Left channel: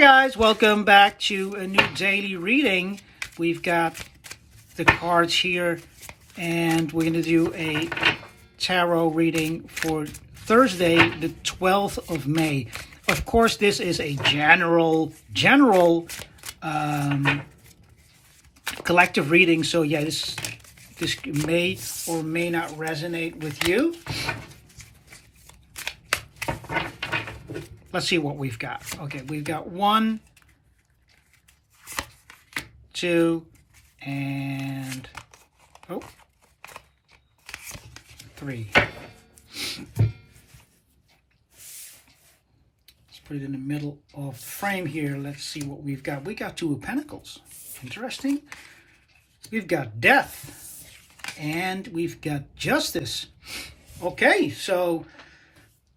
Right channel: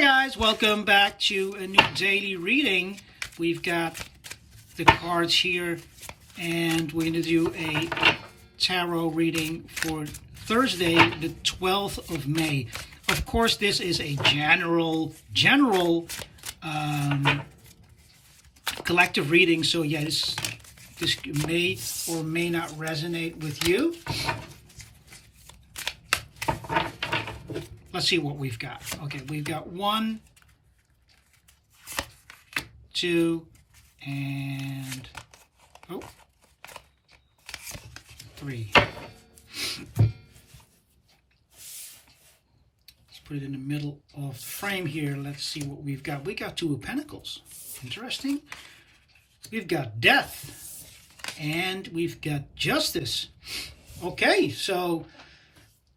Hi guys, welcome back to a new daily reading. We've got the cards here and we're going to do a tarot reading for Thursday, the 12th of May. Of course, this is a general collective reading, so yeah, this may or may not resonate with you. Let's see what we've got. Okay, we've got 1, 2, and 3. Let's put it in the middle of the frame here. Let's see what we've got. We got 2 of Pentacles. Interesting. We've got Death, and we've got Justice. Okay, so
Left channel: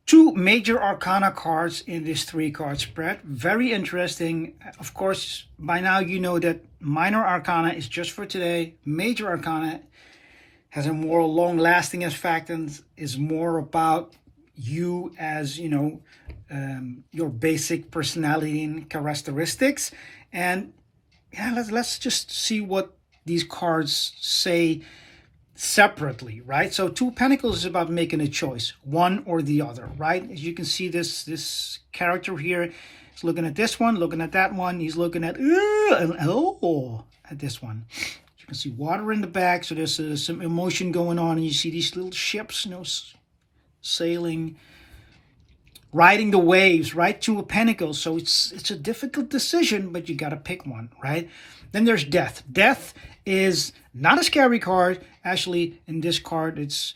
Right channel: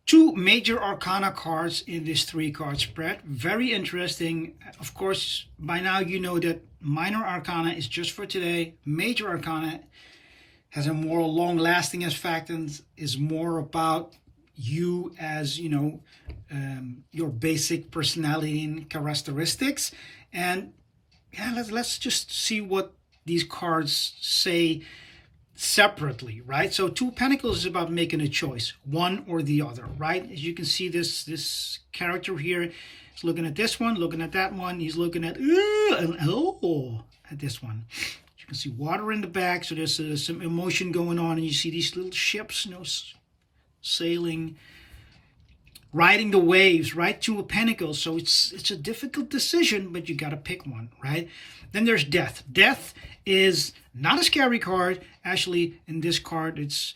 2 major arcana cards in this 3-card spread. Very interesting. Of course, by now you know that minor arcana is just for today. Major arcana has a more long-lasting effect and is more about you as, your basic personality and characteristics. And yeah, let's just see what these cards say separately, right? So 2 Pentacles is about making a choice, one or the other, right? As you can see, this character here is looking at this one, looking at that one. He's looking at at this one. You can see water in the back, so there's some emotion going on, and you see these little ships, sailing, riding the waves, right? 2 of Pentacles. So it's a difficult decision, but you got to pick one, right? Then there's Death. Death is not a scary card. Actually, in this card, it's,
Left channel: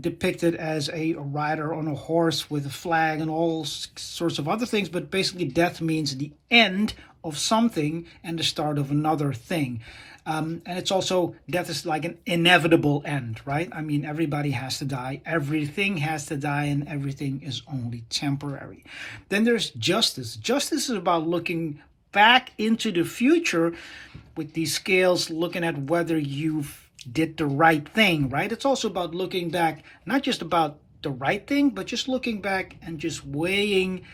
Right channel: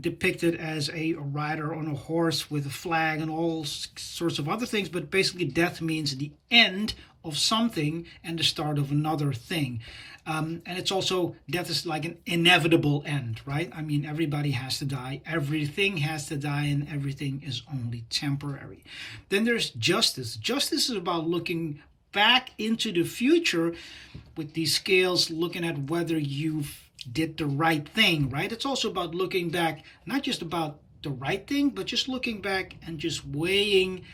depicted as a rider on a horse with a flag and all sorts of other things. But basically, death means the end of something and the start of another thing. And it's also, death is like an inevitable end, right? I mean, everybody has to die. Everything has to die, and everything is only temporary. Then there's Justice. Justice is about looking back into the future with these scales, looking at whether you did the right thing, right? It's also about looking back, not just about the right thing, but just looking back and just weighing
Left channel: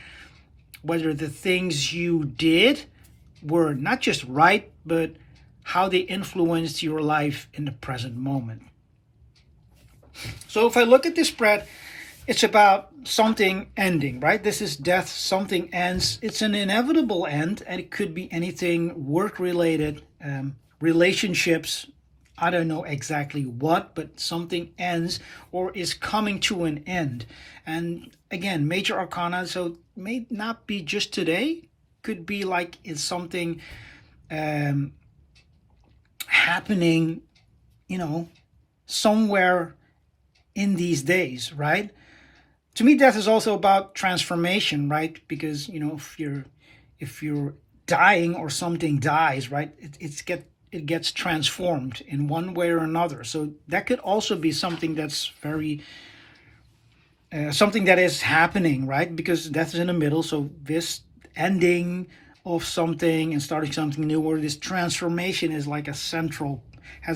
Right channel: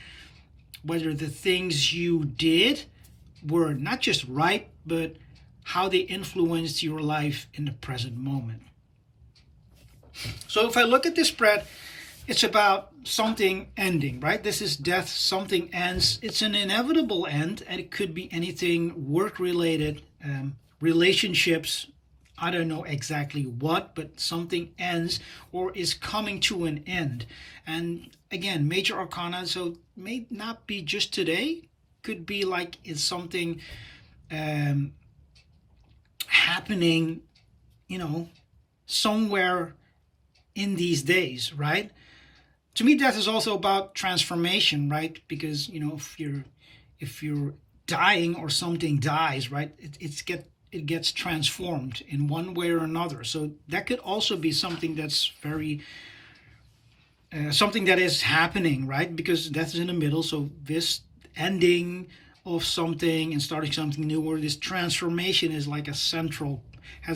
whether the things you did were not just right, but how they influenced your life in the present moment. So if I look at this spread, it's about something ending, right? This is death, something ends. It's an inevitable end, and it could be anything work-related, relationships, I don't know exactly what, but something ends or is coming to an end. And again, major arcana, so it may not be just today. Could be like it's something happening, somewhere in these days, right? To me, death is also about transformation, right? Because, if you're dying or something dies, right, it gets transformed in one way or another. So that could also be something that's very, something that is happening, right? Because death is in the middle. So this ending of something and starting something new, or this transformation is like has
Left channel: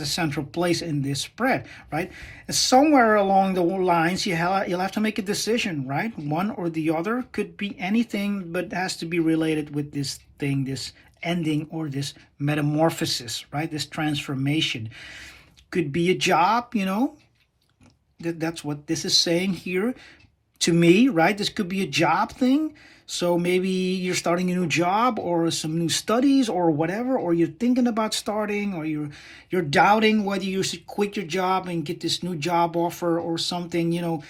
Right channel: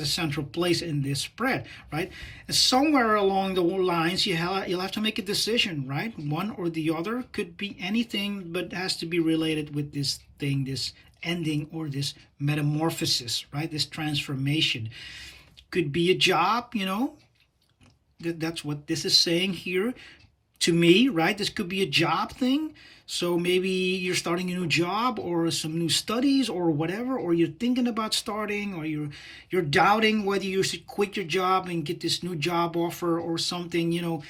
a central place in this spread, right? And somewhere along the lines, you'll have to make a decision, right? One or the other. Could be anything, but it has to be related with this thing, this ending or this metamorphosis, right? This transformation. Could be a job, that's what this is saying here to me, right? This could be a job thing. So maybe you're starting a new job or some new studies or whatever, or you're thinking about starting, or you're doubting whether you should quit your job and get this new job offer or something,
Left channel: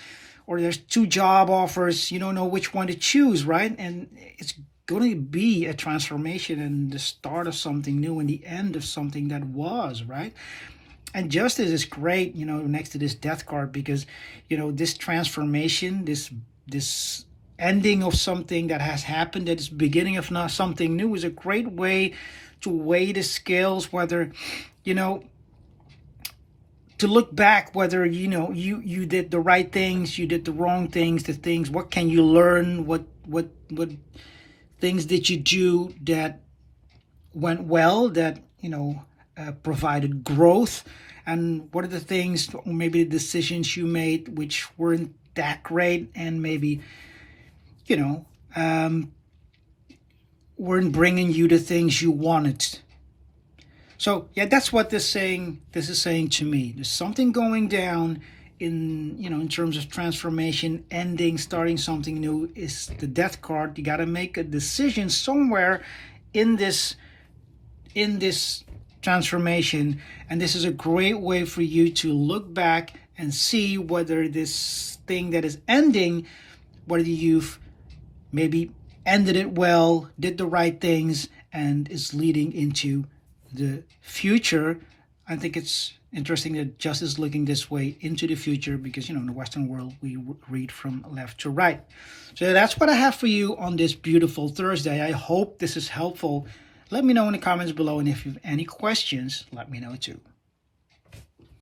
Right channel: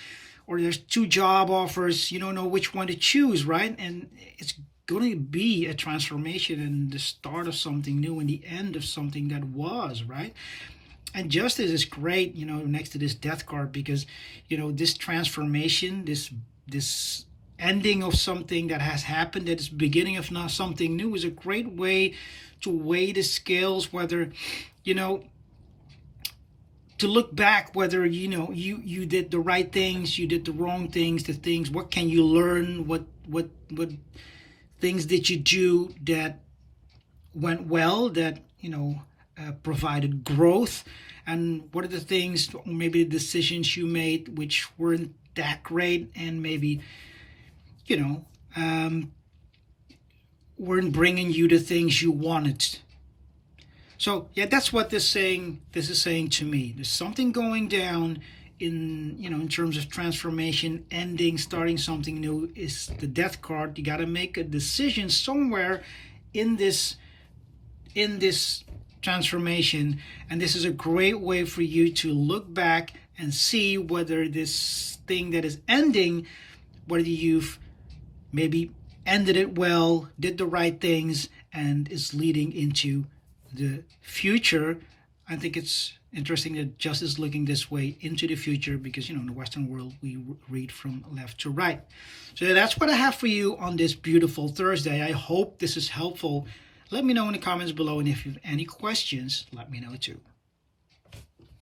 or there's 2 job offers, you don't know which one to choose, right? And it's going to be a transformation and the start of something new and the end of something that was, right? And Justice is great, next to this Death card, because, this transformation, this ending of something that has happened, that is beginning of not something new, is a great way to weigh the scales, whether, to look back, whether, you did the right things, you did the wrong things, what can you learn, what things did you do that went well, that, provided growth, and what are the things, maybe the decisions you made which weren't that great, and maybe weren't bringing you the things you wanted. So yeah, that's what this is saying to me. There's something going down in, in terms of transformation, ending, starting something new. Is the death card. You got to make a decision somewhere in this transformation, and this is a great way for you to look back and see whether this thing that is ending, whether you've maybe ended it well, did the right things, and is leading into the future. I think it's interesting that Just is looking this way into the future, because in the Western world we read from left to right. So that's what I have for you on this beautiful Thursday. I hope this is helpful. Let me know in the comments below, and if you have any questions, let me know too.